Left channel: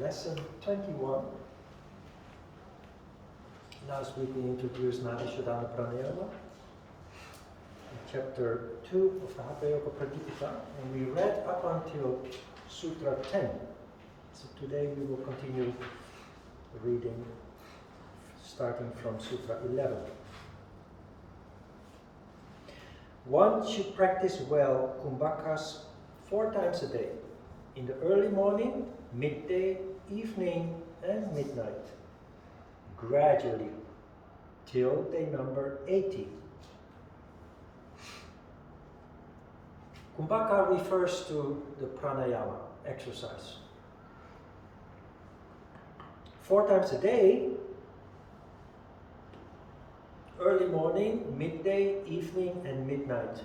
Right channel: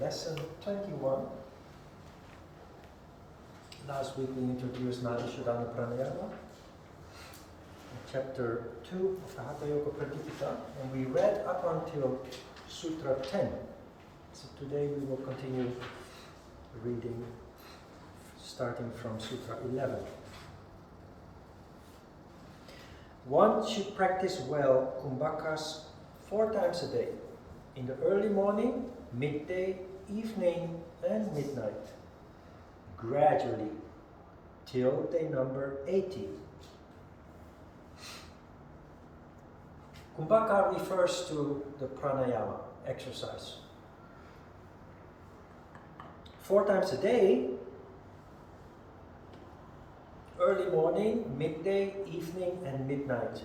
lesson 21. Last week we introduced Nadi Shodhana Pranayama, chapter 2 of the Hatha Yoga Pradipika, and we read up until Sutra 10. So today we will continue reading starting from Sutra 11. One should practice well kumbhakas 4 times a day, in the early morning, midday, evening, and midnight, gradually, till they number 80. Kumbhaka refers to the pranayama exercise. 4 times a day, early morning, midday, evening, and midnight.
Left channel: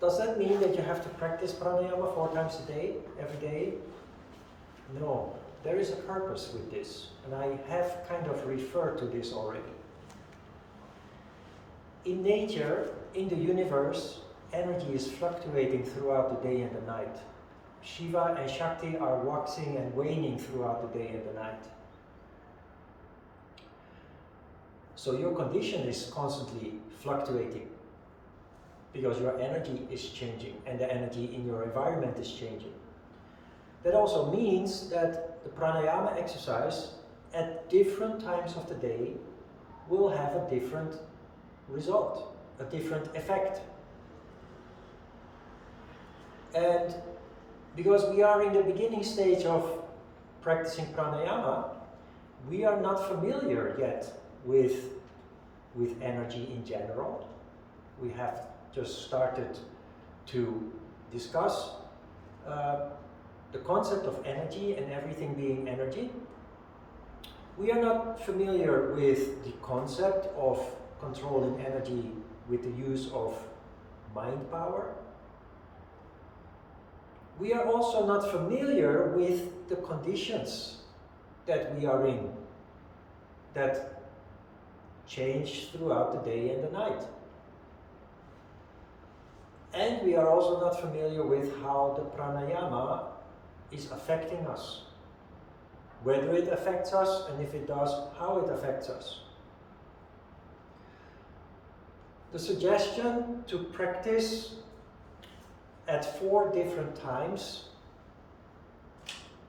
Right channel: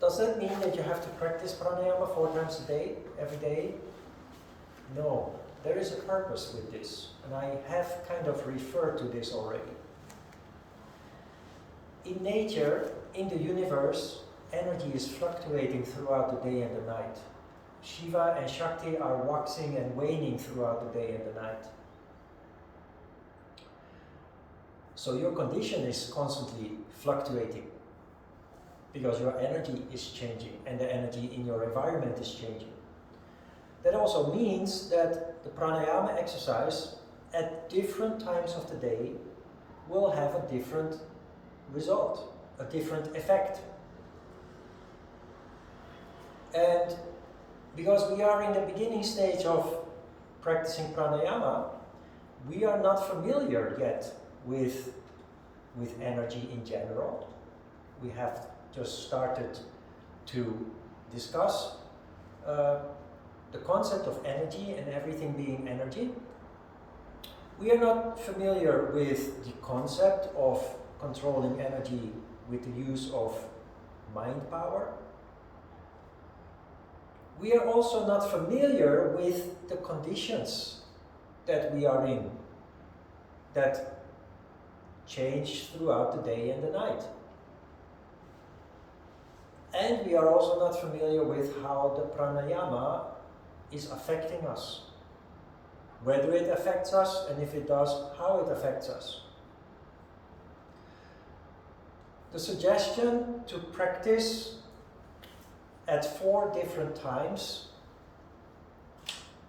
Does that mean that you have to practice pranayama 4 times a day, every day? No, there is a purpose with this, and I have kind of referred to this already. In nature, in the universe, energy is fluctuating throughout the day and the night. Shiva and Shakti are waxing and waning throughout the day and the night. So your condition is constantly fluctuating because your energy is changing and the energy in your environment is changing. That also means that the pranayama exercise at different times of the day will have a different result, a different effect. And because we are in the beginning stage of practicing pranayama, we are not familiar yet with energy in general. We have just started to discuss the concept of energy and everything being energy. We are not familiar with the concept of controlling energy with the use of mind power. We are also not familiar with the conditions that we are in, that change throughout the day and the night. And we are also not familiar with how the pranayama is affecting us. Whether it affects us, and if it does, how it affects us. The suggestion to practice at 4 different times,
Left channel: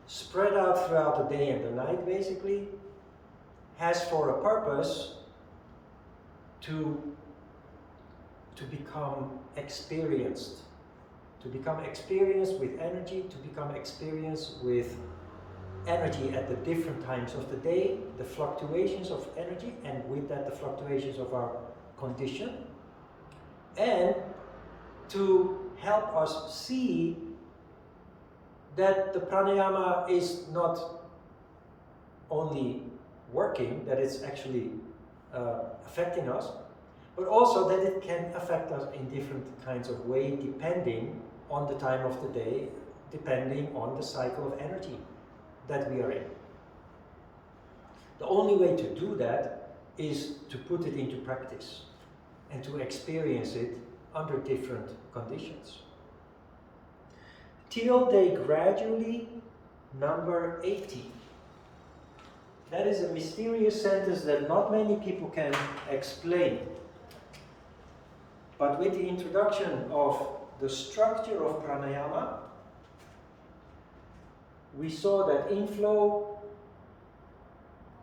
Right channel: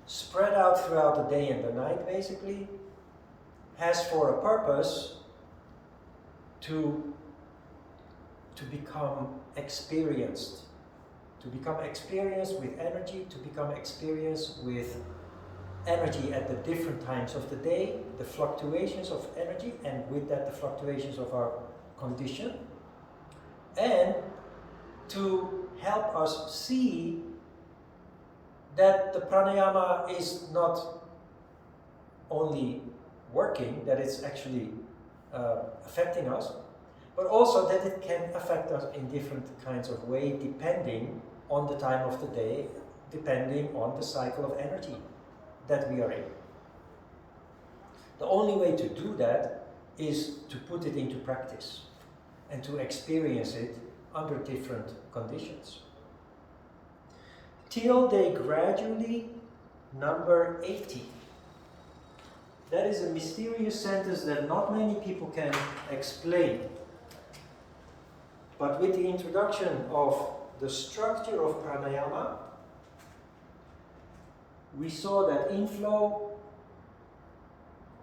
spread out throughout the day and the night basically, has for a purpose to become experienced. To become experienced with energy, to become experienced with energy at the different times of the day, the fluctuations of energy, and with that the fluctuations of our condition, and to help us see that the pranayama is not only working, that it's actually affecting us, but also that it can affect us in different kinds of ways depending on the time of the day, depending on the cycle of energy that we are in. The only way to do that is to put it into practice and to experience it under different conditions. Till they gradually number 80. That is a mysterious sentence that not many people can explain. But with the introduction of the structure of pranayama, we saw that inflow,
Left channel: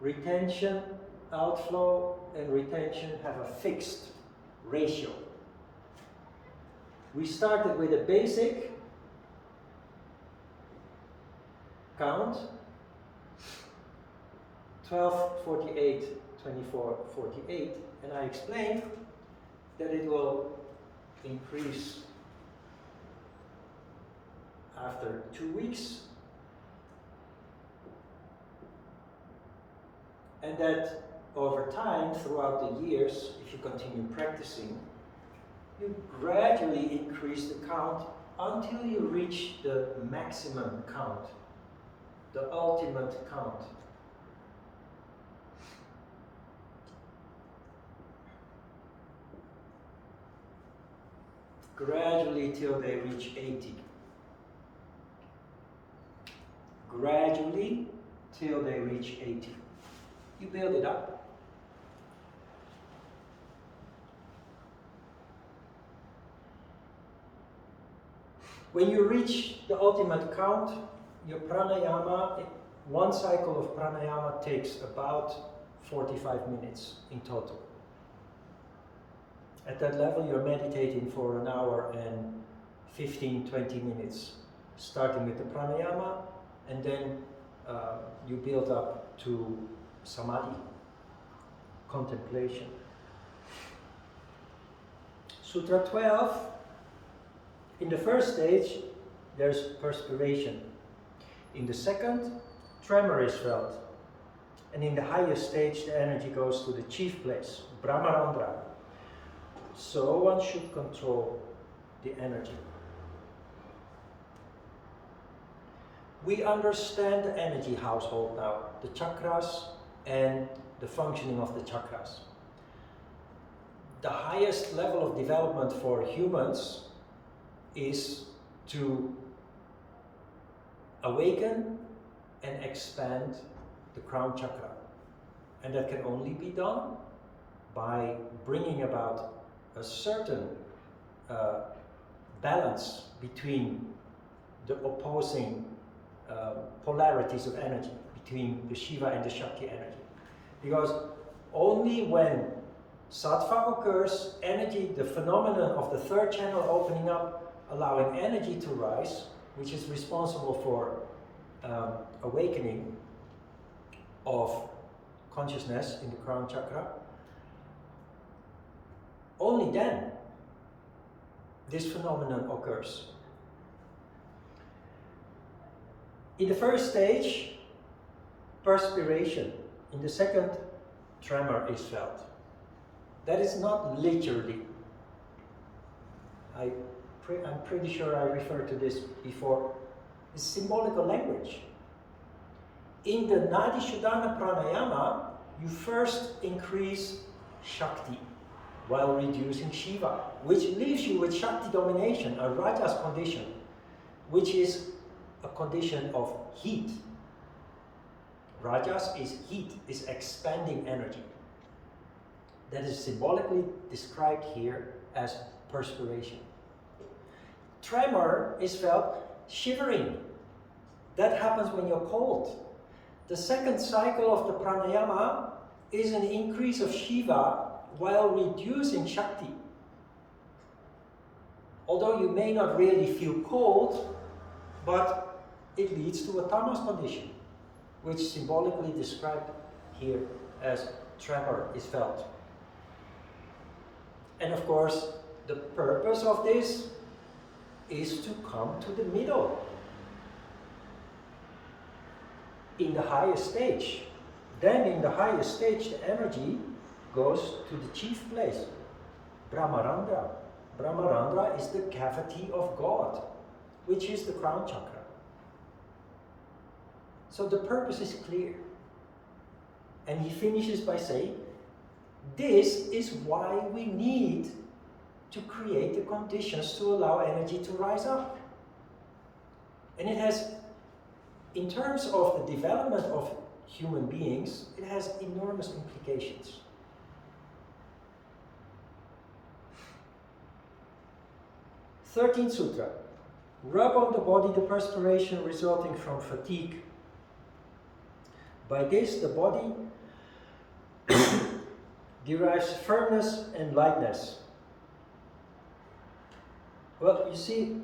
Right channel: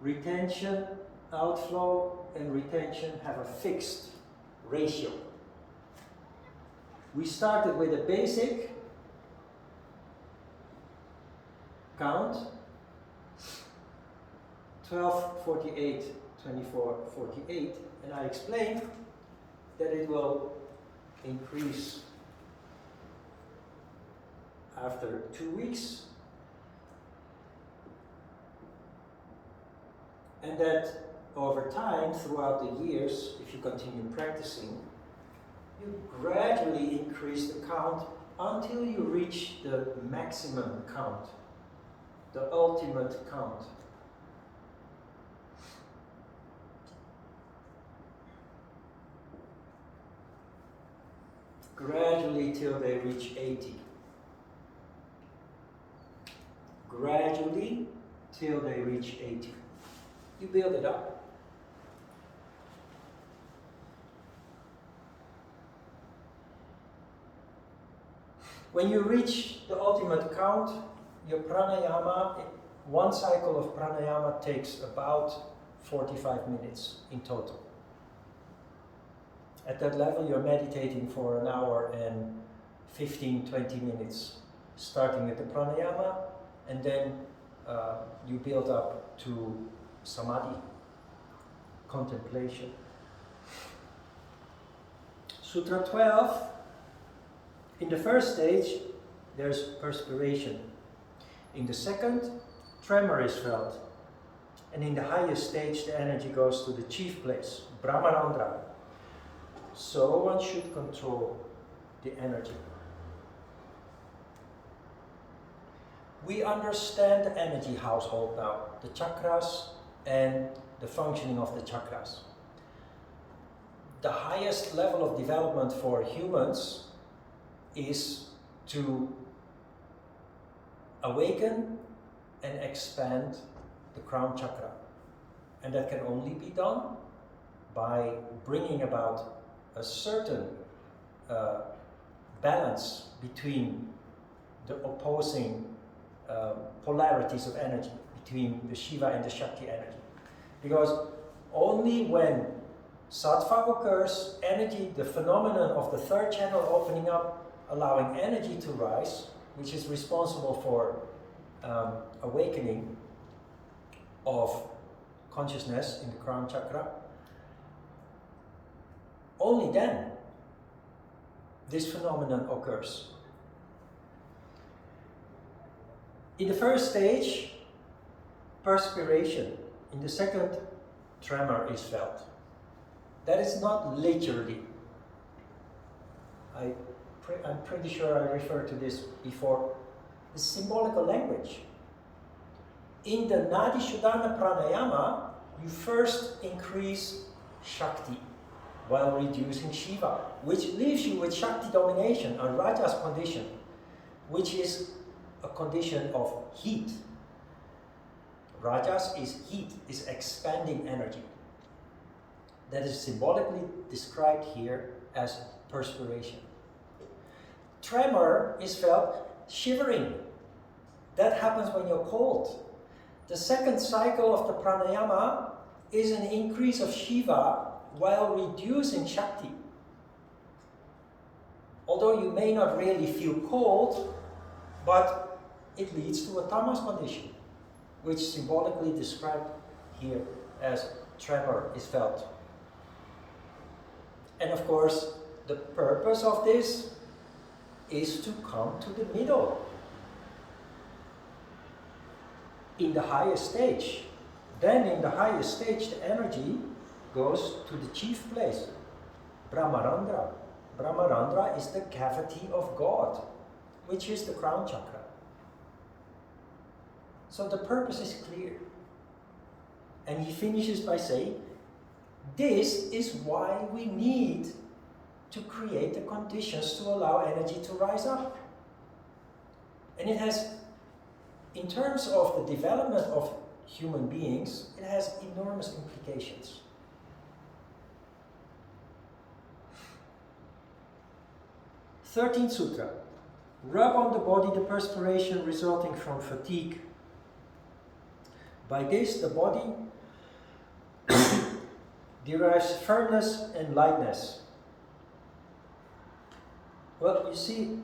retention, outflow, and retention have a fixed ratio. We started with a basic count, 12, 48, 24, 48, and I explained that it will increase after 2 weeks, and that over time, throughout the years, if you continue practicing, you gradually increase the count until you reach the maximum count, the ultimate count. Gradually till they reach 80. gradually till they reach 80. You build it up. When you reach the ultimate count, your pranayama, one cycle of pranayama takes about 45 minutes in total. At that level, you're meditating for an hour and 15-20 minutes, starting with the pranayama, and then you build up to samadhi, contemplation. Sutra 12, in the first stage, there's perspiration. In the second, tremor is felt. And in the highest stage, the energy goes to the chief place, Brahmarandra. So one should control the energy. We understand the energy household now, the chakras and the functioning of the chakras. The highest level of development for humans is to awaken and expand the crown chakra. And that can only be done by bringing about a certain balance between the opposing polarities of energy, between the Shiva and the Shakti energy. Because only when sattva occurs, energy, the phenomenon of the third channel opening up, allowing energy to rise, which is responsible for awakening of consciousness in the crown chakra, only then this phenomenon occurs. In the first stage, perspiration. In the second, tremor is felt. That is not literally. I'm pretty sure I referred to this before. It's symbolical language. In the Nadi Shodhana Pranayama, you first increase Shakti while reducing Shiva, which leaves you with Shakti domination, a Rajas condition, which is a condition of heat. Rajas is heat, is expanding energy. That is symbolically described here as perspiration. Tremor is felt shivering. That happens when you're cold. The second cycle of the pranayama is an increase of Shiva while reducing Shakti. Although you may not really feel cold, but it leads to a tamas condition, which symbolically described here as tremor is felt. And of course, the purpose of this is to come to the middle. In the highest stage. Then in the highest stage, the energy goes to the chief place, Brahmarandra. Brahmarandra is the cavity of God, which is the crown chakra. So the purpose is clear. And he finishes by saying, this is why we need to create the conditions to allow energy to rise up. And it has, in terms of the development of human beings, it has enormous implications. Thirteenth Sutra. Rub on the body the perspiration resulting from fatigue. By this, the body derives firmness and lightness. Well, you see,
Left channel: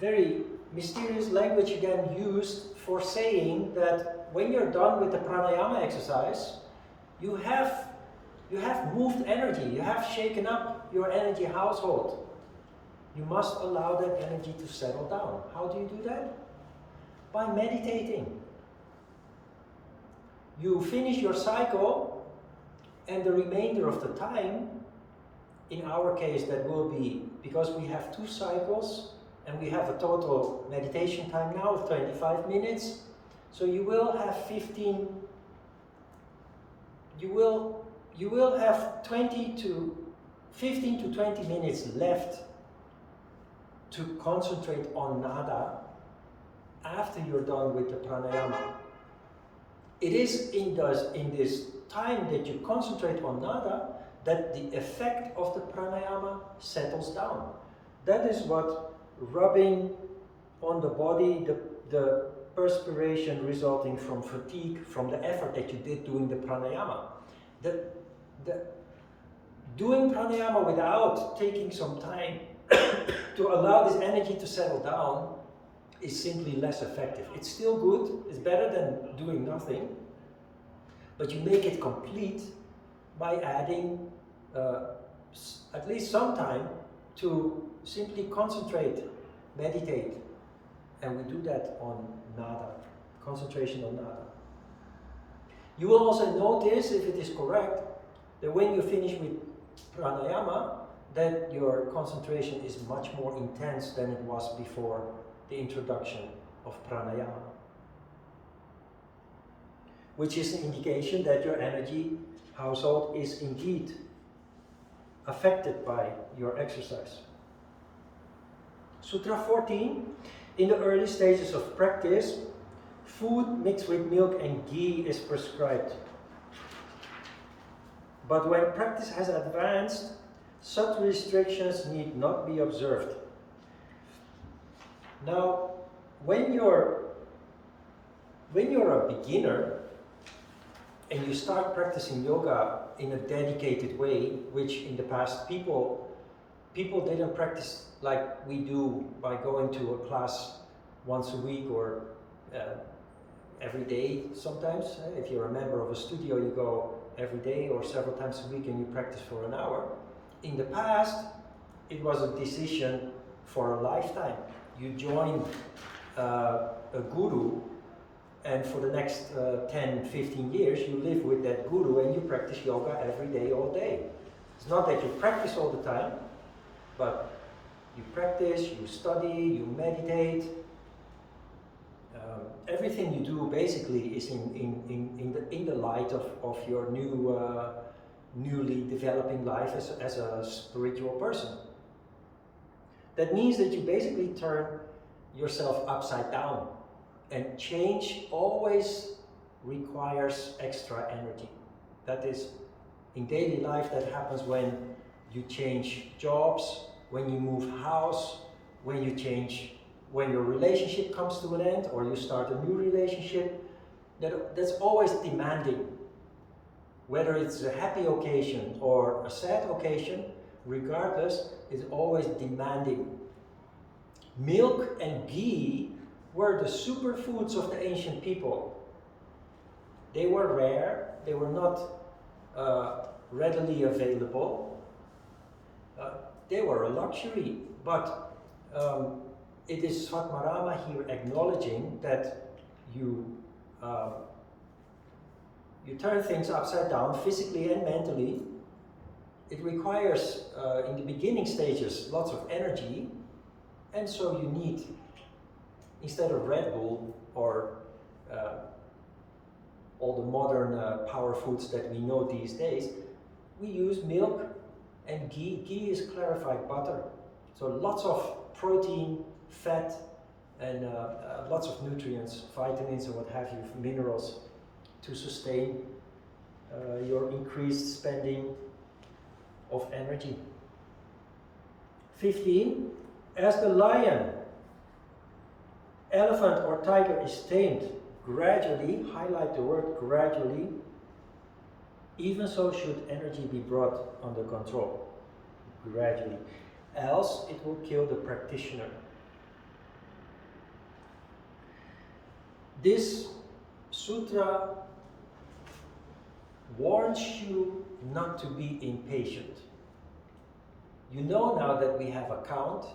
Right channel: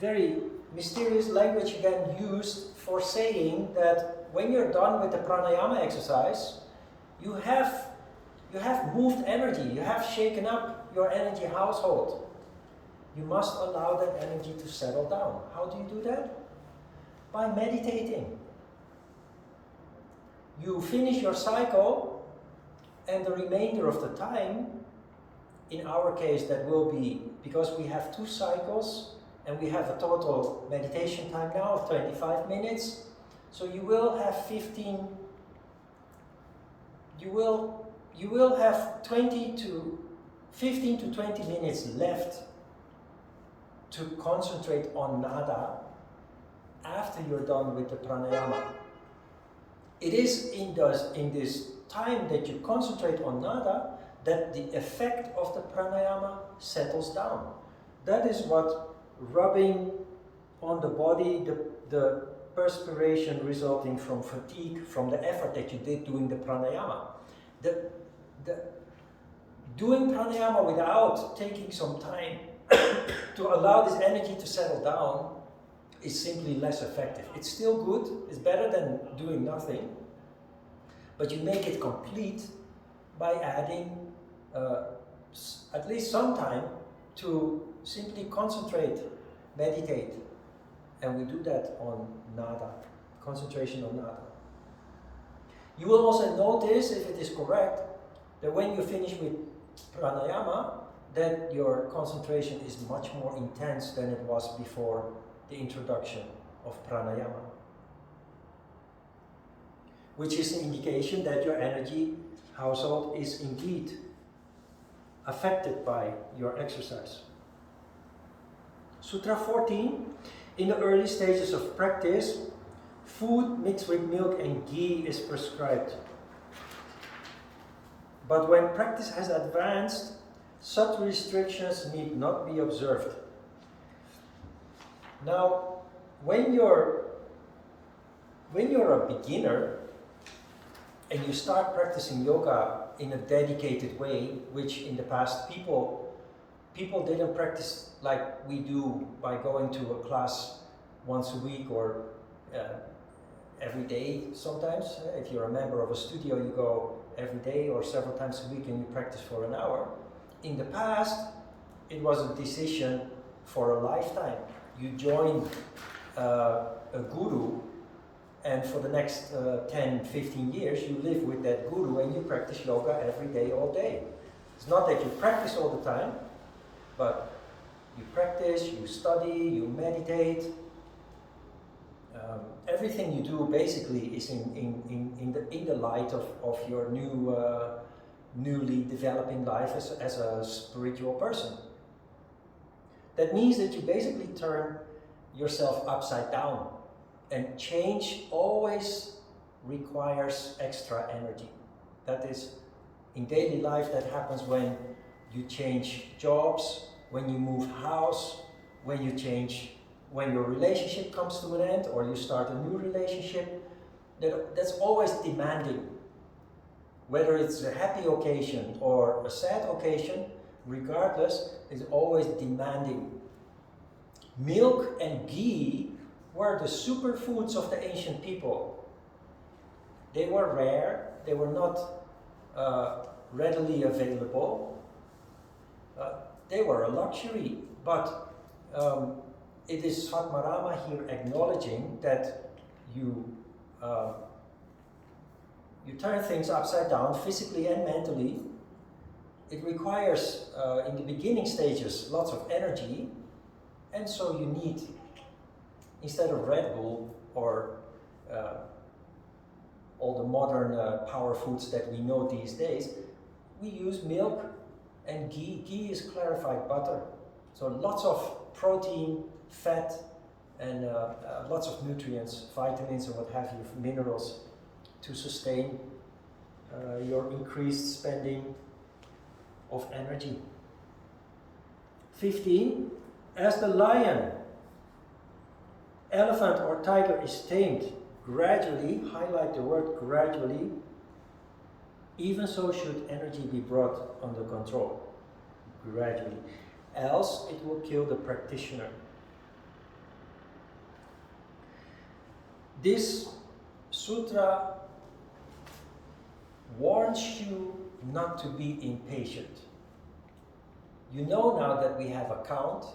very mysterious language again used for saying that when you're done with the pranayama exercise, you have moved energy, you have shaken up your energy household. You must allow that energy to settle down. How do you do that? By meditating. You finish your cycle, and the remainder of the time, in our case that will be, because we have 2 cycles, and we have a total meditation time now of 25 minutes, so you will have 15, you will have 15 to 20 minutes left to concentrate on nada after you're done with the pranayama. It is in this time that you concentrate on nada that the effect of the pranayama settles down. That is what rubbing on the body, the perspiration resulting from fatigue, from the effort that you did doing the pranayama. The doing pranayama without taking some time to allow this energy to settle down is simply less effective. It's still good, it's better than doing nothing, but you make it complete by adding at least some time to simply concentrate, meditate. And we do that on nada, concentration on nada. You will also notice, if it is correct, that when you finish with pranayama, that your concentration is much more intense than it was before the introduction of pranayama. Which is an indication that your energy household is indeed affected by your exercise. Sutra 14, in the early stages of practice, food mixed with milk and ghee is prescribed. But when practice has advanced, such restrictions need not be observed. Now, when you're a beginner and you start practicing yoga in a dedicated way, which in the past people didn't practice like we do by going to a class once a week or every day sometimes. If you're a member of a studio, you go every day or several times a week and you practice for an hour. In the past, it was a decision for a lifetime. You join a guru, and for the next 10, 15 years, you live with that guru and you practice yoga every day, all day. It's not that you practice all the time, but you practice, you study, you meditate. Everything you do basically is in the light of your newly developing life as a spiritual person. That means that you basically turn yourself upside down, and change always requires extra energy. That is, in daily life, that happens when you change jobs, when you move house, when your relationship comes to an end or you start a new relationship. That's always demanding. Whether it's a happy occasion or a sad occasion, regardless, it's always demanding. Milk and ghee were the superfoods of the ancient people. They were rare, they were not readily available. They were a luxury, but it is Svatmarama here acknowledging that you turn things upside down physically and mentally. It requires, in the beginning stages, lots of energy, and so you need, instead of Red Bull or all the modern power foods that we know these days, we use milk and ghee. Ghee is clarified butter. So lots of protein, fat, and lots of nutrients, vitamins and what have you, minerals, to sustain your increased spending of energy. 15, as the lion, elephant or tiger is tamed gradually, highlight the word gradually, even so should energy be brought under control, gradually, else it will kill the practitioner. This sutra warns you not to be impatient. You know now that we have a count,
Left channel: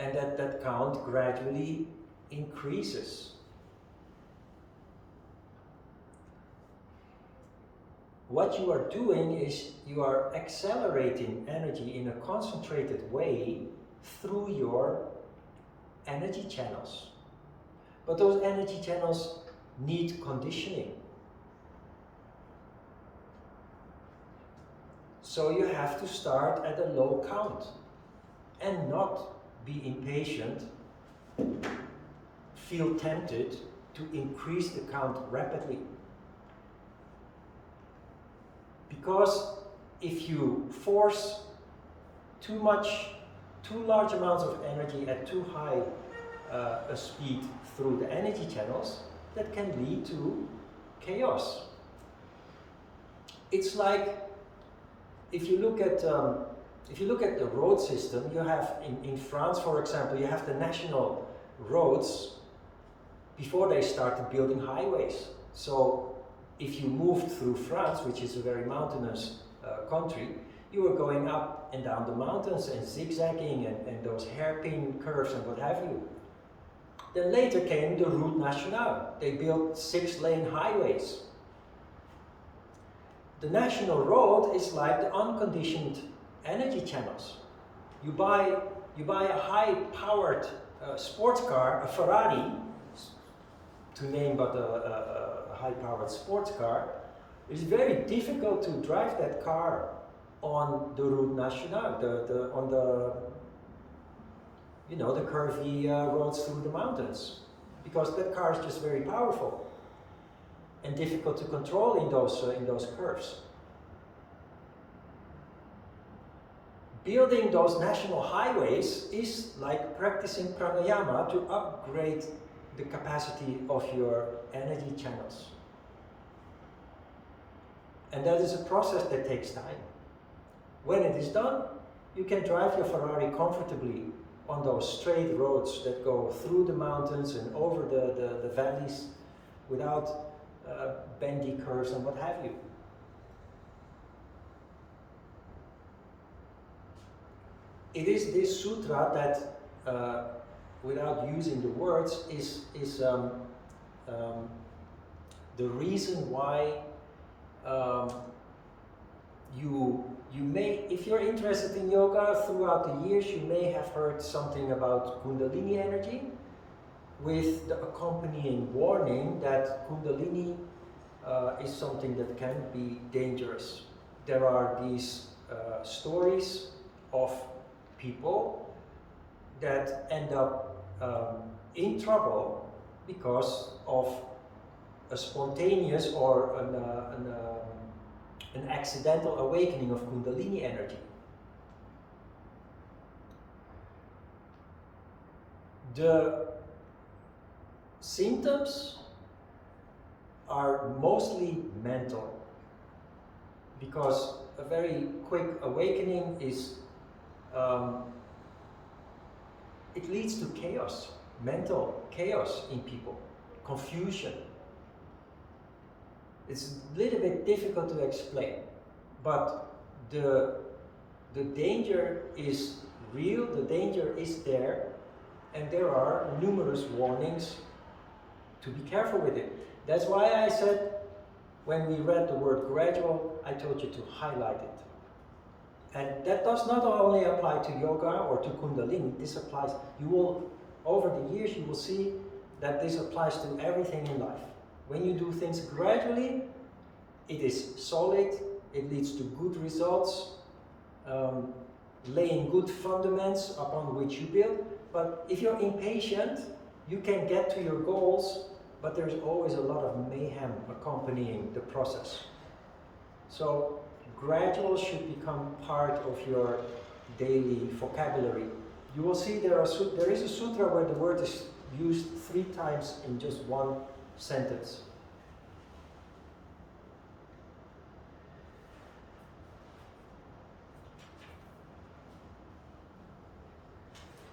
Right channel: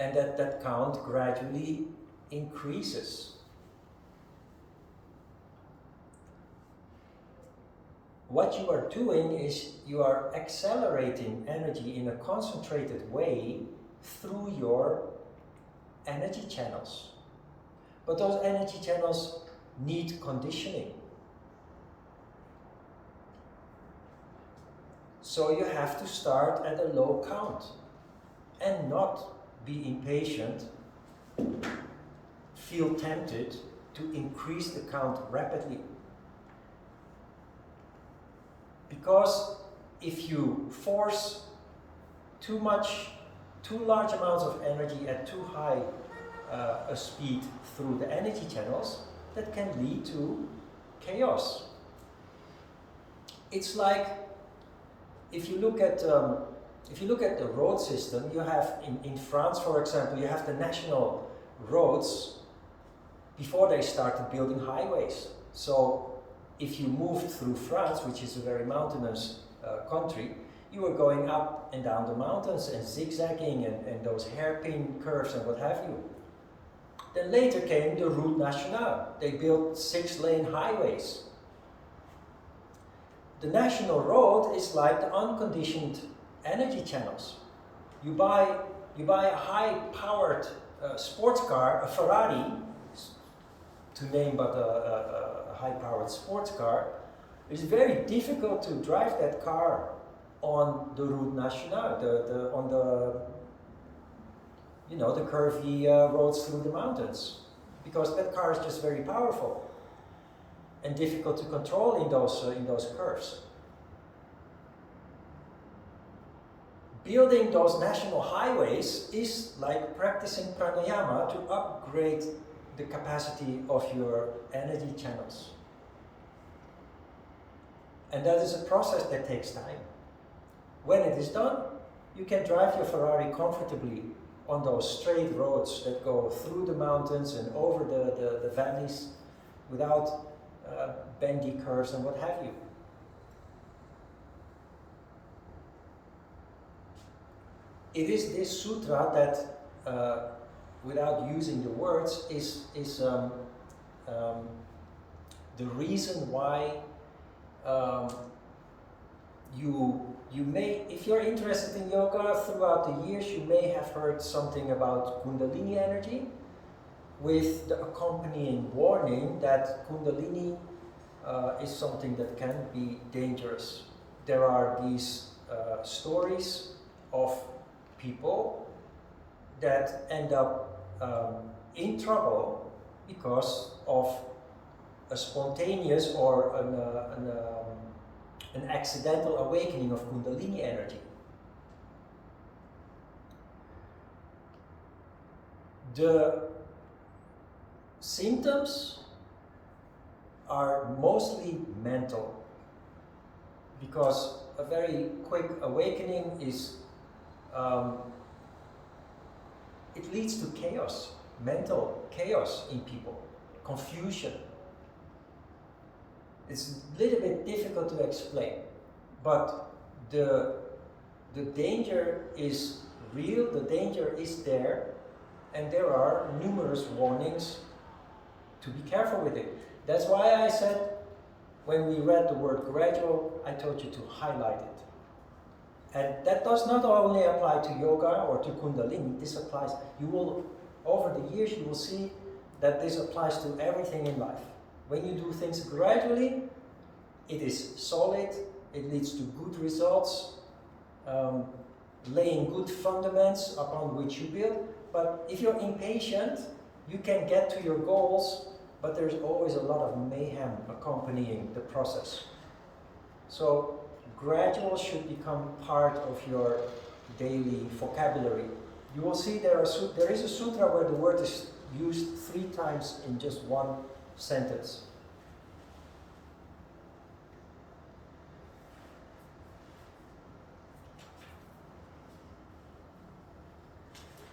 and that count gradually increases. What you are doing is you are accelerating energy in a concentrated way through your energy channels. But those energy channels need conditioning. So you have to start at a low count and not be impatient feel tempted to increase the count rapidly. Because if you force too large amounts of energy at too high a speed through the energy channels, that can lead to chaos. It's like if you look at the road system, you have in France, for example, you have the national roads before they started building highways. So if you moved through France, which is a very mountainous country, you were going up and down the mountains and zigzagging and those hairpin curves and what have you. Then later came the Route Nationale. They built 6-lane highways. The national road is like the unconditioned energy channels. You buy a high-powered sports car, a Ferrari, to name but a high-powered sports car. It's very difficult to drive that car on the Route Nationale, on the curvy roads through the mountains, because that car is just very powerful and difficult to control in those curves. Building those national highways is like practicing pranayama to upgrade the capacity of your energy channels. And that is a process that takes time. When it is done, you can drive your Ferrari comfortably on those straight roads that go through the mountains and over the valleys without bendy curves and what have you. It is this sutra that, without using the words, is the reason why you may, if you're interested in yoga throughout the years, you may have heard something about Kundalini energy, with the accompanying warning that Kundalini is something that can be dangerous. There are these stories of people that end up in trouble because of a spontaneous or an accidental awakening of Kundalini energy. The symptoms are mostly mental, because a very quick awakening is it leads to chaos, mental chaos in people, confusion. It's a little bit difficult to explain, but the danger is real, the danger is there, and there are numerous warnings to be careful with it. That's why I said, when we read the word gradual, I told you to highlight it. And that does not only apply to yoga or to Kundalini, this applies, over the years you will see that this applies to everything in life. When you do things gradually, it is solid, it leads to good results, laying good fundaments upon which you build. But if you're impatient, you can get to your goals, but there's always a lot of mayhem accompanying the process. So gradual should become part of your daily vocabulary. You will see there is a sutra where the word is used 3 times in just one sentence.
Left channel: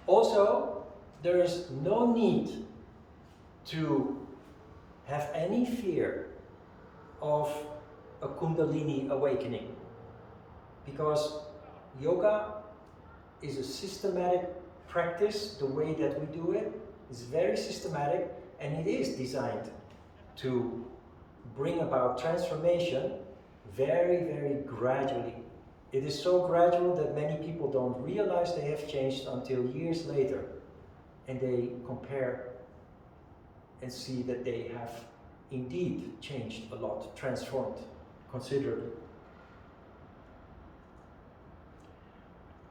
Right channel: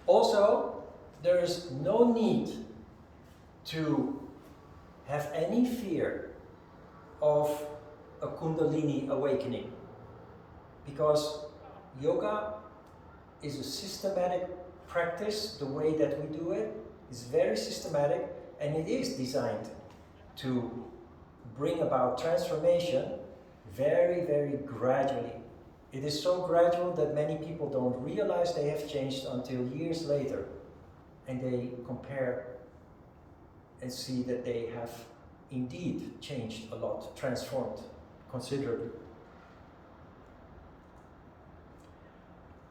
Also, there is no need to have any fear of a Kundalini awakening, because yoga is a systematic practice. The way that we do it is very systematic, and it is designed to bring about transformation very, very gradually. It is so gradual that many people don't realize they have changed until years later, and they compare and see that they have indeed changed a lot, transformed considerably.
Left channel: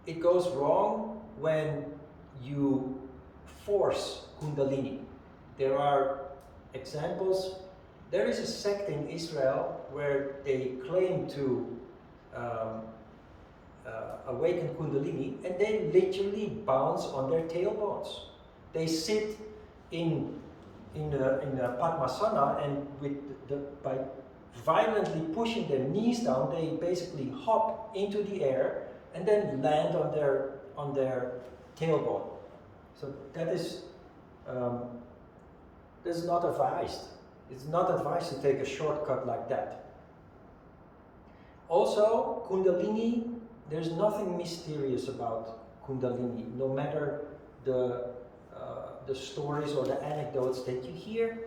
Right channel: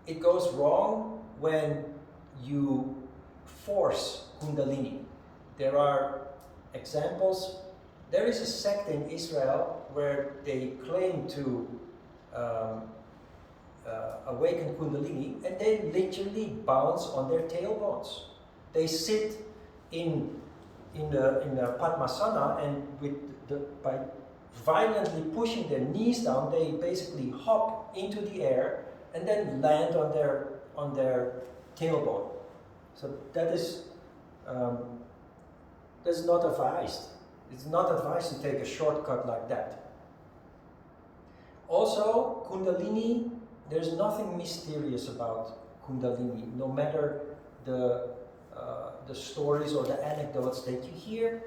It goes wrong when you force Kundalini. There are examples. There is a sect in Israel where they claim to awaken Kundalini, and they literally bounce on their tailbones. They sit in a Padmasana, and by violently pushing their knees down, they basically hop into the air and then land on their tailbone. So that's not advised. It's not advised to take a shortcut like that. Also, Kundalini, there's nothing mysterious about Kundalini, no matter the stories or the anecdotes that you hear.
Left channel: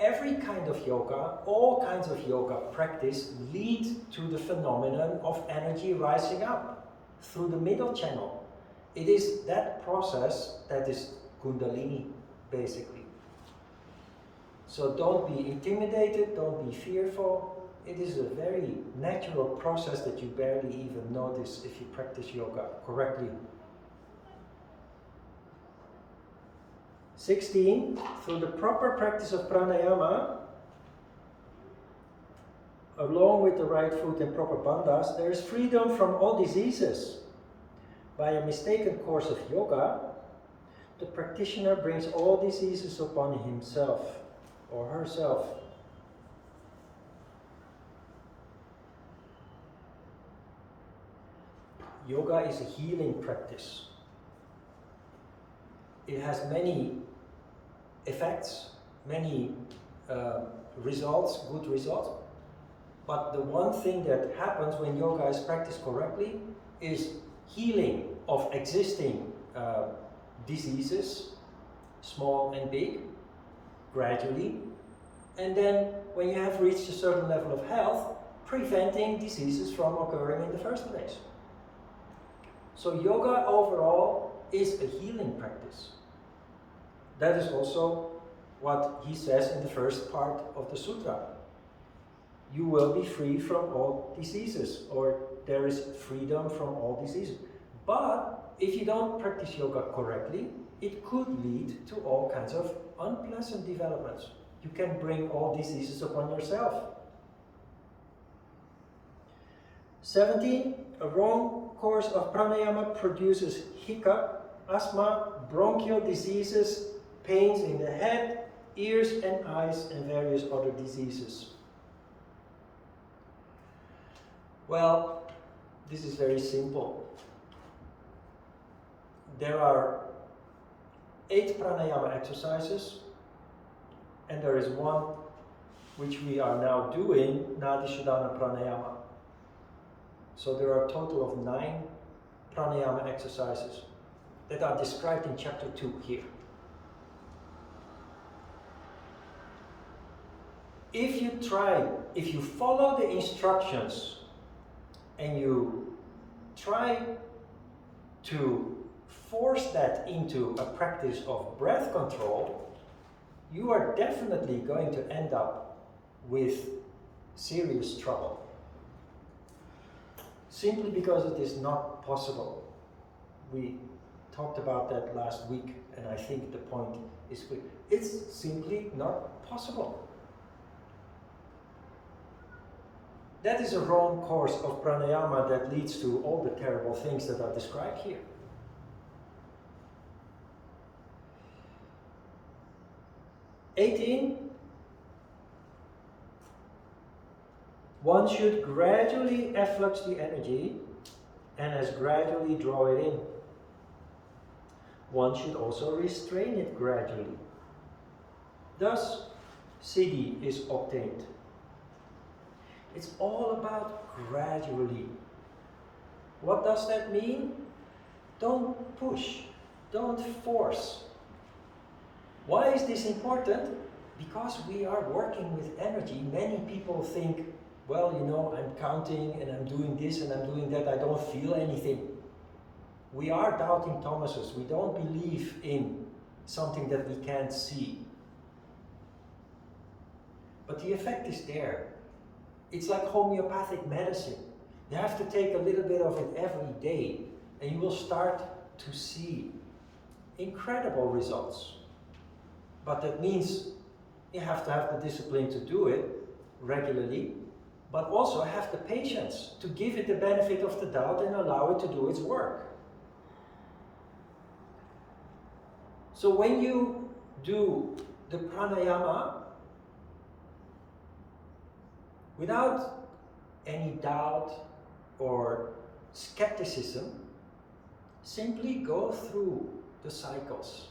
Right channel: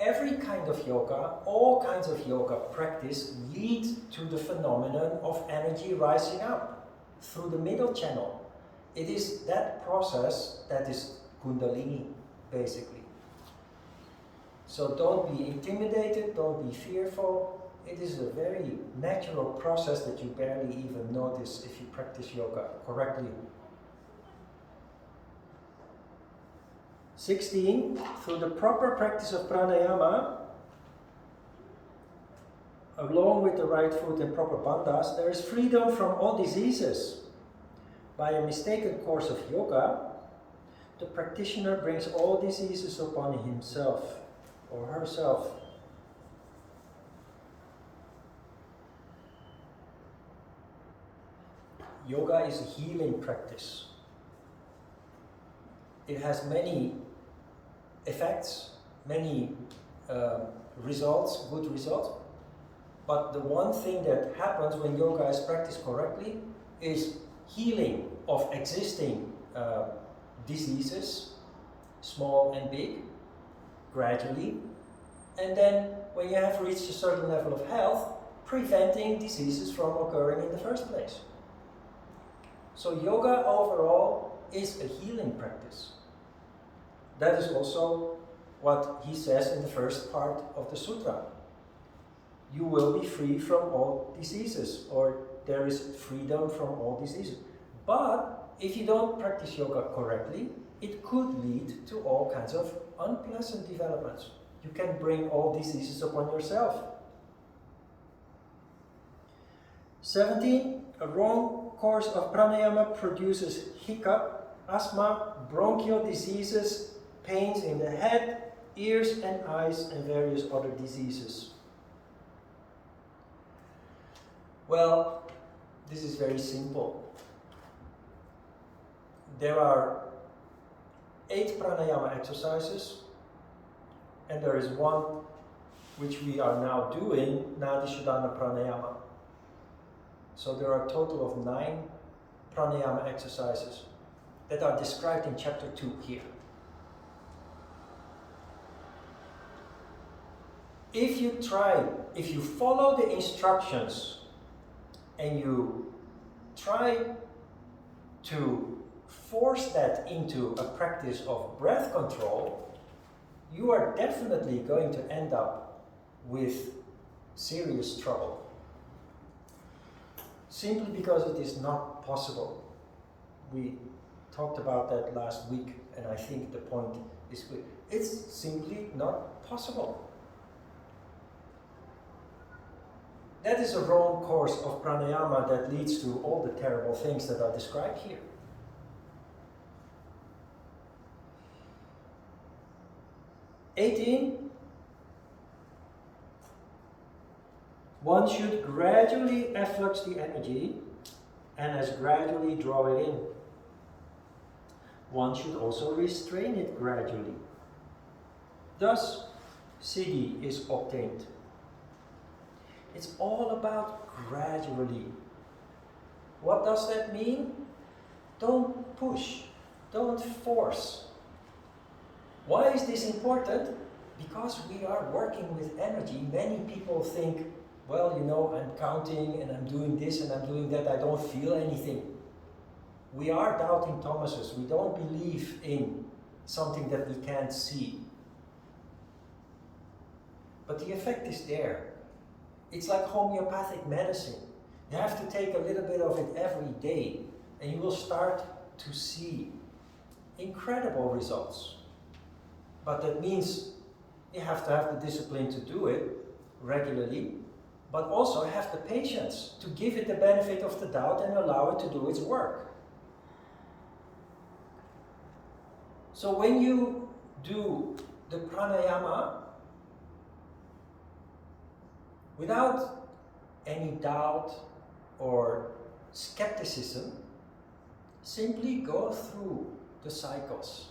Every kind of yoga, all kinds of yoga practice lead to the phenomenon of energy rising up through the middle channel. It is that process that is Kundalini, basically. So don't be intimidated, don't be fearful. It is a very natural process that you barely even notice if you practice yoga correctly. 16, through the proper practice of pranayama, along with the right foot and proper bandhas, there is freedom from all diseases. By a mistaken course of yoga, the practitioner brings all diseases upon himself or herself. Yoga is a healing practice. It has many effects, many results, good results. But the one thing that happens when yoga is practiced correctly is healing of existing diseases, small and big, gradually. And then when you have reached a certain level of health, preventing diseases from occurring in the first place. So yoga overall is a healing practice. That is also what he says in the first part of the sutra. You will be free from all diseases, or there is freedom from all diseases. But if you don't practice yoga correctly, it could lead to all kinds of unpleasant developments. You can bring all diseases upon yourself. 17, a wrong course of pranayama produces hiccup, asthma, bronchial diseases, pains in the head, ears and eyes, and various other diseases. Well, this is very simple. There are 8 pranayama exercises, and there is one which we are now doing, Nadishodhana pranayama. So there are a total of 9 pranayama exercises that are described in chapter 2 here. If you follow the instructions and you try to force that into a practice of breath control, you are definitely going to end up with serious trouble. Simply because it is not possible. We talked about that last week, and I think the point is clear. It's simply not possible. That is a wrong course of pranayama that leads to all the terrible things that are described here. (18) One should gradually efflux the energy and as gradually draw it in. One should also restrain it gradually. Thus, siddhi is obtained. It's all about gradually. What does that mean? Don't push, don't force. Why is this important? Because we are working with energy. Many people think, well, you know, I'm counting and I'm doing this and I'm doing that, I don't feel anything. We are doubting Thomases. We don't believe in something that we can't see. But the effect is there. It's like homeopathic medicine. You have to take a little bit of it every day and you will start to see incredible results. But that means you have to have the discipline to do it regularly, but also have the patience to give it the benefit of the doubt and allow it to do its work. So when you do the pranayama without any doubt or skepticism, simply go through the cycles.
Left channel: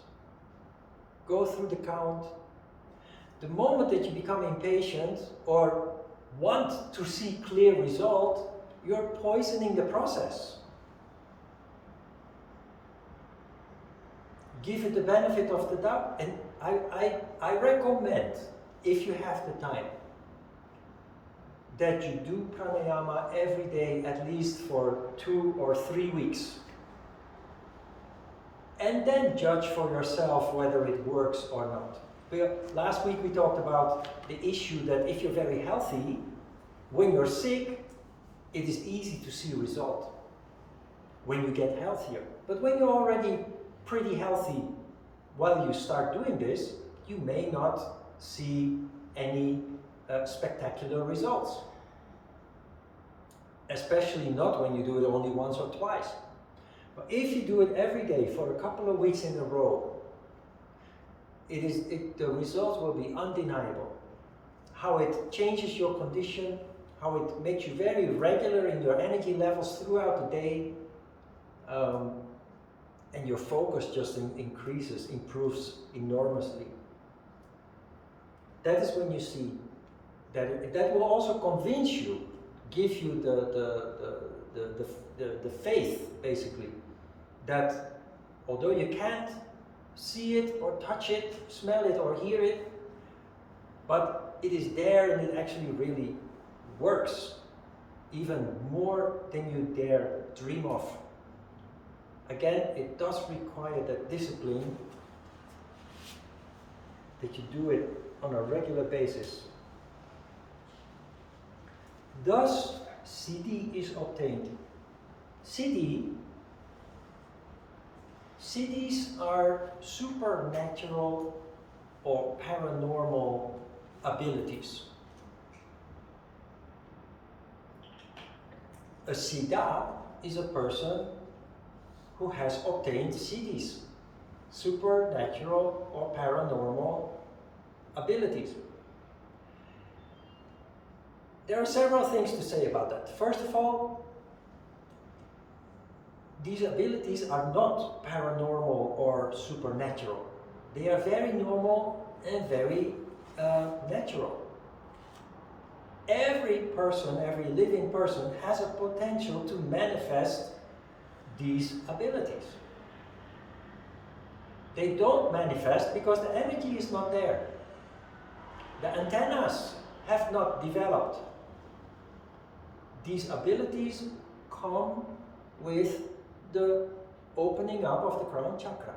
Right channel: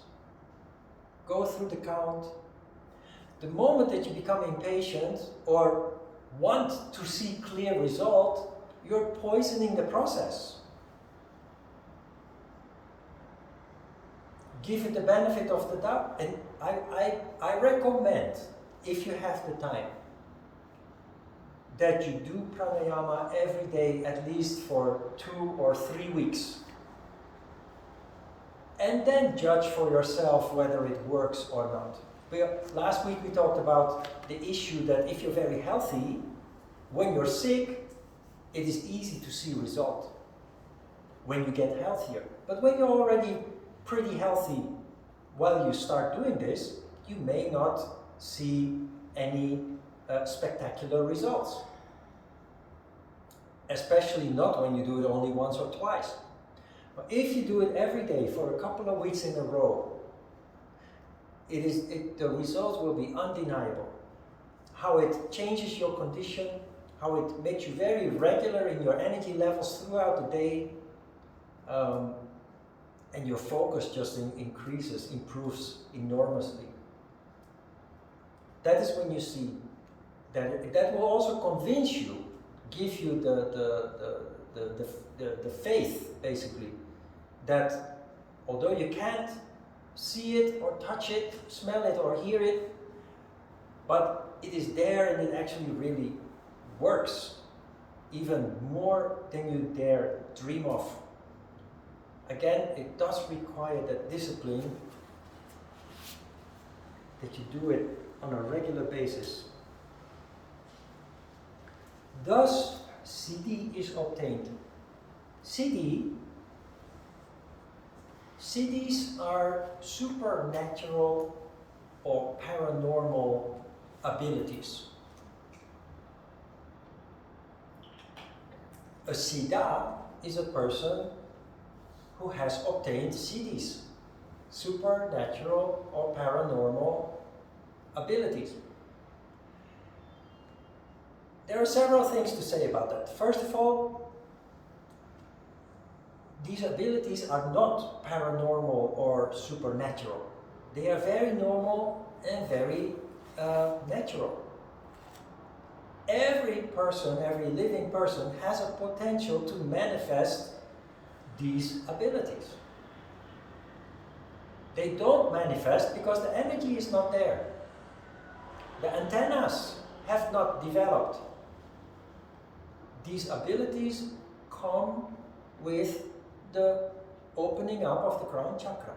Go through the count. The moment that you become impatient or want to see clear result, you're poisoning the process. Give it the benefit of the doubt. And I recommend, if you have the time, that you do pranayama every day at least for 2 or 3 weeks. And then judge for yourself whether it works or not. Last week we talked about the issue that if you're very healthy, when you're sick, it is easy to see result when you get healthier. But when you're already pretty healthy while you start doing this, you may not see any spectacular results. Especially not when you do it only once or twice. But if you do it every day for a couple of weeks in a row, the results will be undeniable. How it changes your condition, how it makes you very regular in your energy levels throughout the day, and your focus just improves enormously. That is when you see that will also convince you, give you the faith, basically, that although you can't see it or touch it, smell it or hear it, but it is there and it actually really works, even more than you dare dream of. Again, it does require that discipline, that you do it on a regular basis. Thus, siddhi is obtained. Siddhis are supernatural or paranormal abilities. A siddha is a person who has obtained siddhis, supernatural or paranormal abilities. There are several things to say about that. First of all, these abilities are not paranormal or supernatural. They are very normal and very natural. Every person, every living person has a potential to manifest these abilities. They don't manifest because the energy is not there. The antennas have not developed. These abilities come with the opening up of the crown chakra.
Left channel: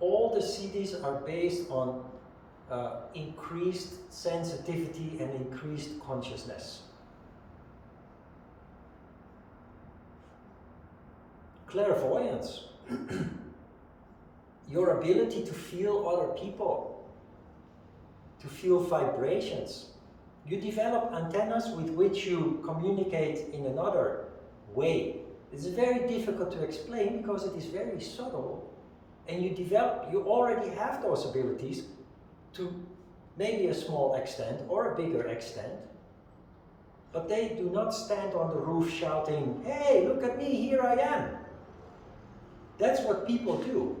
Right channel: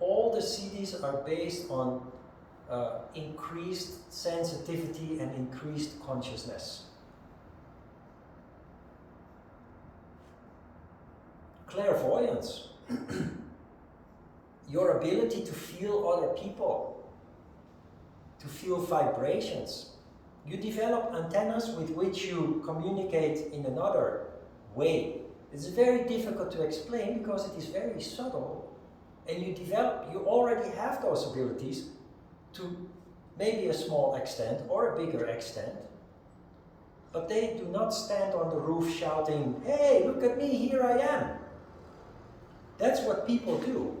All the siddhis are based on increased sensitivity and increased consciousness. Clairvoyance, your ability to feel other people, to feel vibrations. You develop antennas with which you communicate in another way. It's very difficult to explain because it is very subtle, and you already have those abilities to maybe a small extent or a bigger extent, but they do not stand on the roof shouting, "Hey, look at me, here I am." That's what people do.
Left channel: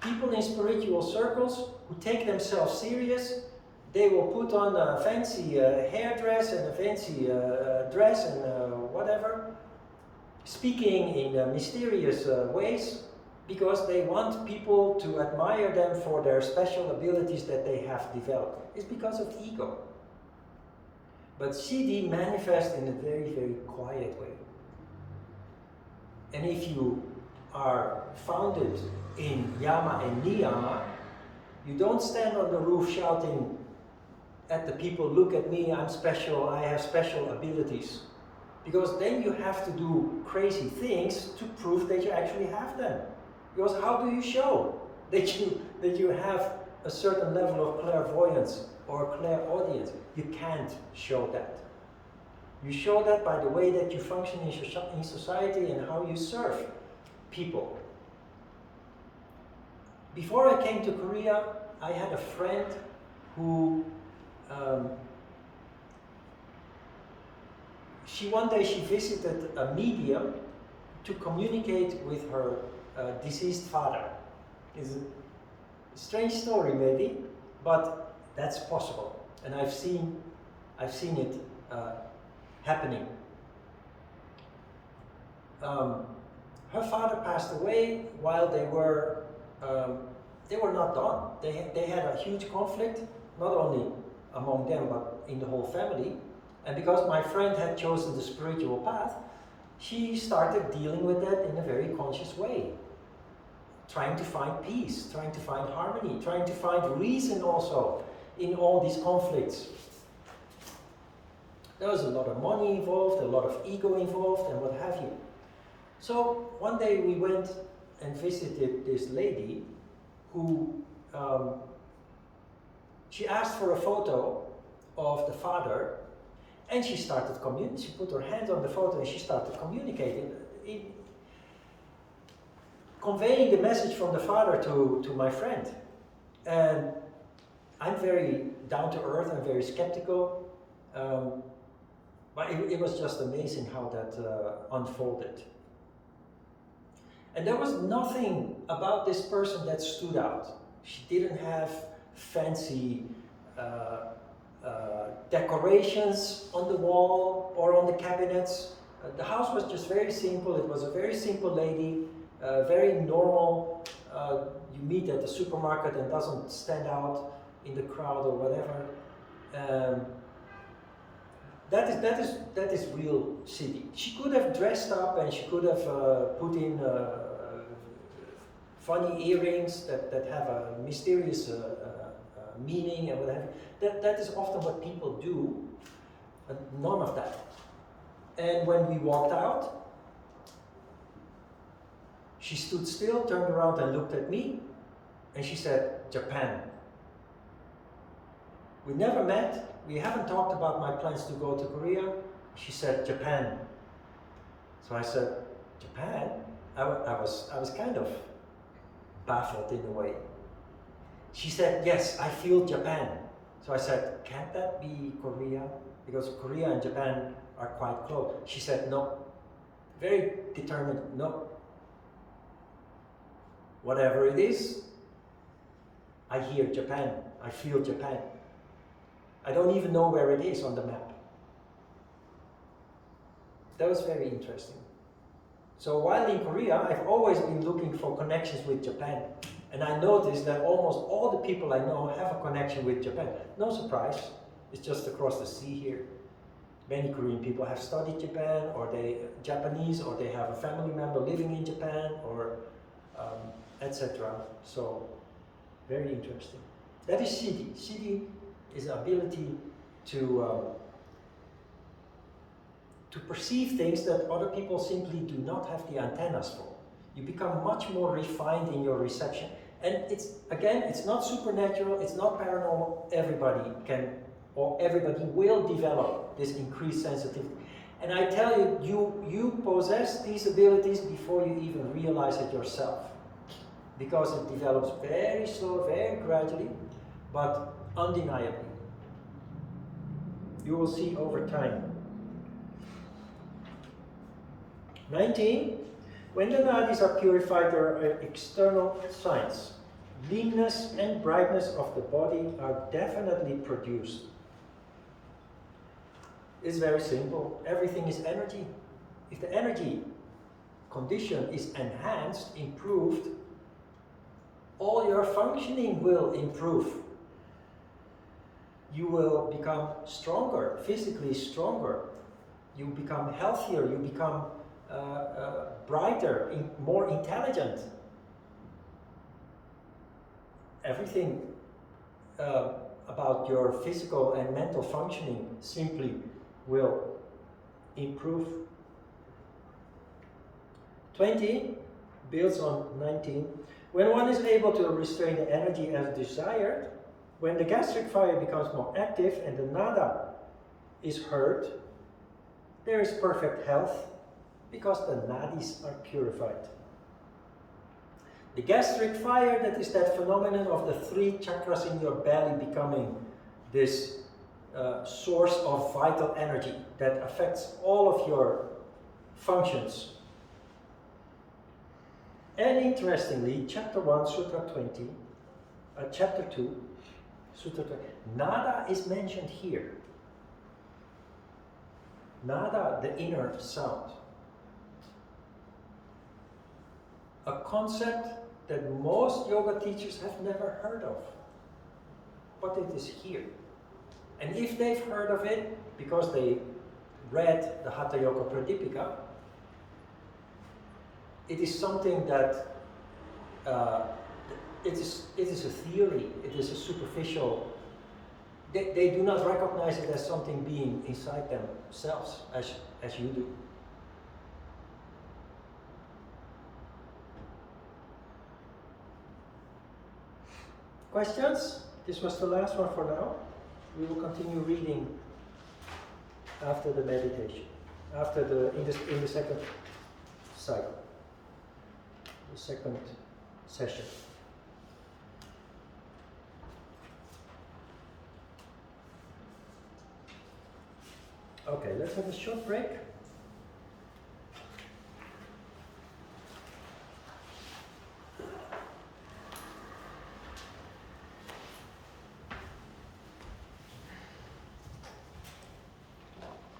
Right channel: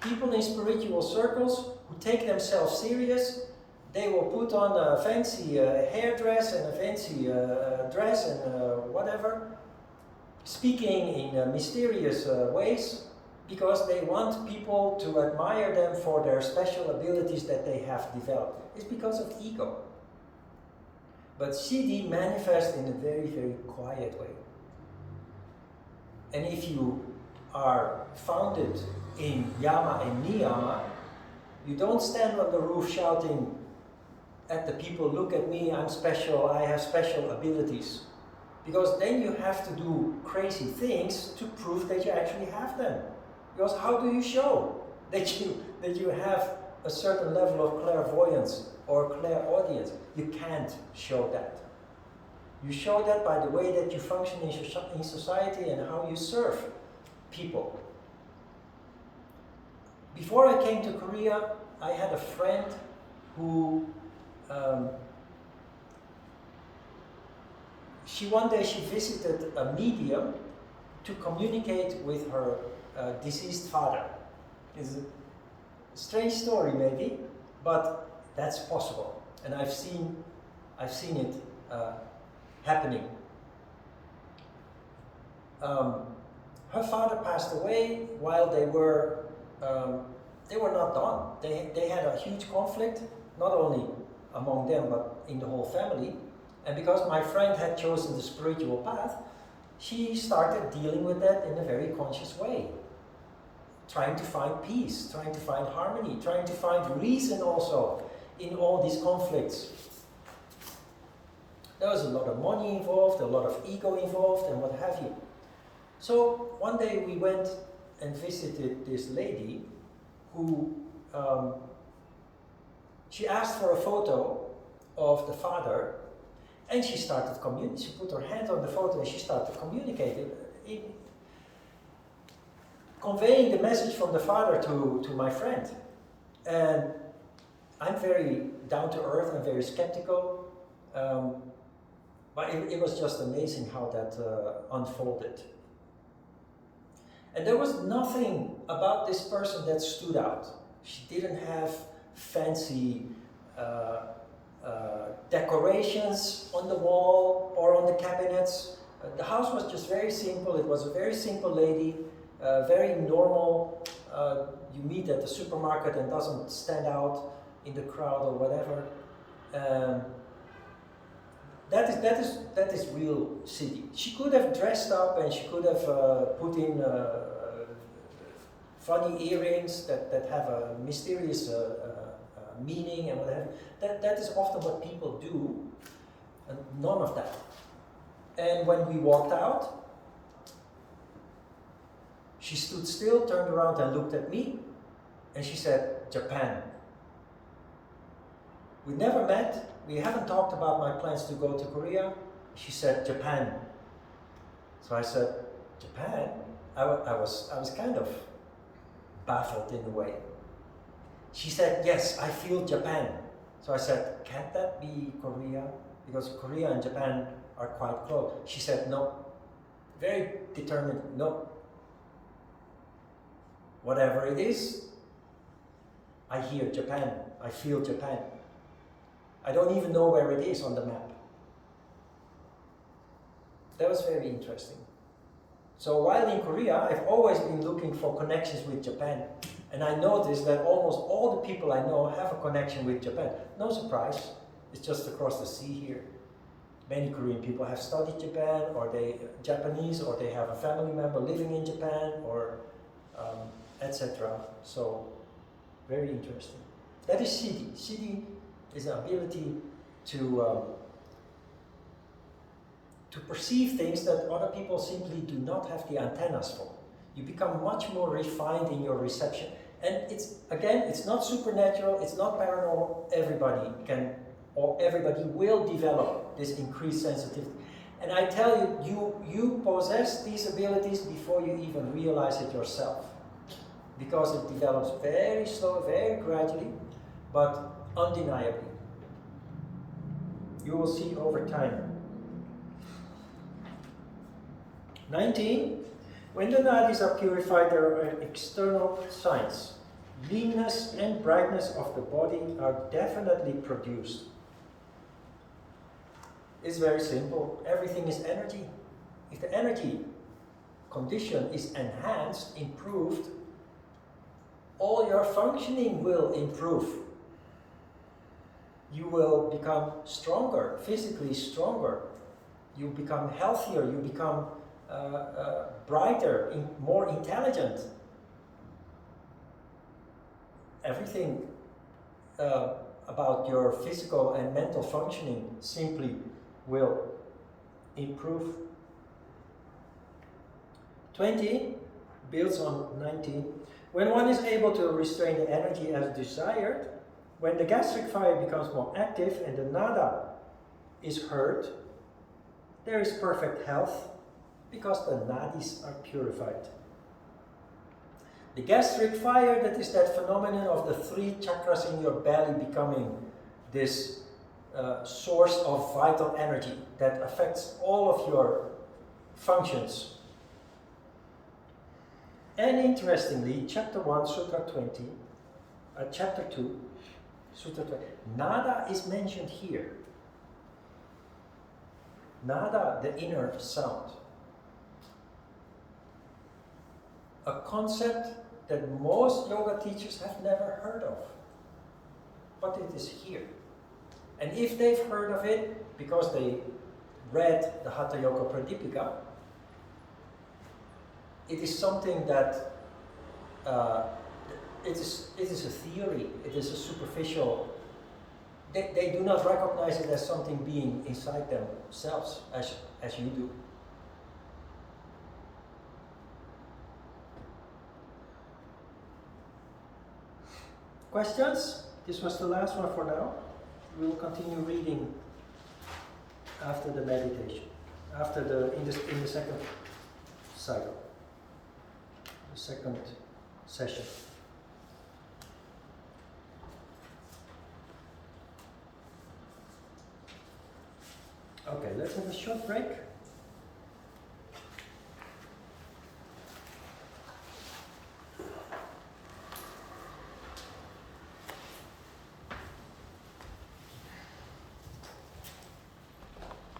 People in spiritual circles who take themselves serious, they will put on a fancy hairdress and a fancy dress and whatever, speaking in mysterious ways, because they want people to admire them for their special abilities that they have developed. It's because of ego. But siddhi manifests in a very, very quiet way. And if you are founded in yama and niyama, you don't stand on the roof shouting at the people, "Look at me, I'm special, I have special abilities." Because then you have to do crazy things to prove that you actually have them. Because how do you show that you have a certain level of clairvoyance or clairaudience? You can't show that. You show that by the way that you function in society and how you serve people. Before I came to Korea, I had a friend who one day she visited a medium to communicate with her deceased father. It's a strange story maybe, but that's possible, and I've seen it happening. Her father passed away while they were not done. They had a huge conflict, not only among them but in the whole family. And because my friend had chosen the spiritual path, she started dealing with that in a very conscious way. Trying to find peace, trying to find harmony, trying to find reason also in all these conflicts. There was a lot of money involved, a lot of ego involved, and what have you. So one day we went and visited this lady who, she asked for a photo of the father, and she started communicating. She put her hand on the photo and she started communicating, conveying the message from the father to my friend. And I'm very down to earth, I'm very skeptical, but it was just amazing how that unfolded. And there was nothing about this person that stood out. She didn't have fancy decorations on the wall or on the cabinets. The house was just very simple. It was a very simple lady, very normal. You meet at the supermarket and doesn't stand out in the crowd or whatever. That is real city. She could have dressed up and she could have put in funny earrings that have a mysterious meaning and what have you. That is often what people do, and none of that. And when we walked out, she stood still, turned around and looked at me, and she said, "Japan." We never met, we haven't talked about my plans to go to Korea. She said, "Japan." So I said, "Japan?" I was kind of baffled in a way. She said, "Yes, I feel Japan." So I said, "Can't that be Korea? Because Korea and Japan are quite close." She said, "No." Very determined, "No. Whatever it is, I hear Japan, I feel Japan. I don't even know where it is on the map." That was very interesting. So while in Korea, I've always been looking for connections with Japan. And I noticed that almost all the people I know have a connection with Japan. No surprise, it's just across the sea here. Many Korean people have studied Japan, or they Japanese, or they have a family member living in Japan, or etc. So, very interesting. That is Siddhi. Siddhi is an ability to perceive things that other people simply do not have the antennas for. You become much more refined in your reception. And it's not supernatural, it's not paranormal. Everybody can, or everybody will develop this increased sensitivity. And I tell you, you possess these abilities before you even realize it yourself. Because it develops very slow, very gradually, but undeniably. You will see over time. 19. When the nadis are purified, there are external signs. Leanness and brightness of the body are definitely produced. It's very simple. Everything is energy. If the energy condition is enhanced, improved, all your functioning will improve. You will become stronger, physically stronger. You become healthier, you become brighter, more intelligent. Everything about your physical and mental functioning simply will improve. 20. builds on 19. When one is able to restrain the energy as desired, when the gastric fire becomes more active and the nada is heard, there is perfect health because the nadis are purified. The gastric fire, that is that phenomenon of the 3 chakras in your belly becoming this source of vital energy that affects all of your functions. And interestingly, chapter 1, Sutra 20, chapter 2, Sutra 20, nada is mentioned here. Nada, the inner sound. A concept that most yoga teachers have never heard of. But it is here. And if they've heard of it because they read the Hatha Yoga Pradipika, it is something that it is a theory, it is a superficial. They do not recognize it as something being inside themselves as you do. Questions? This was the last one for now. We will continue reading after the meditation, in the second cycle, the second session. Okay, let's have a short break.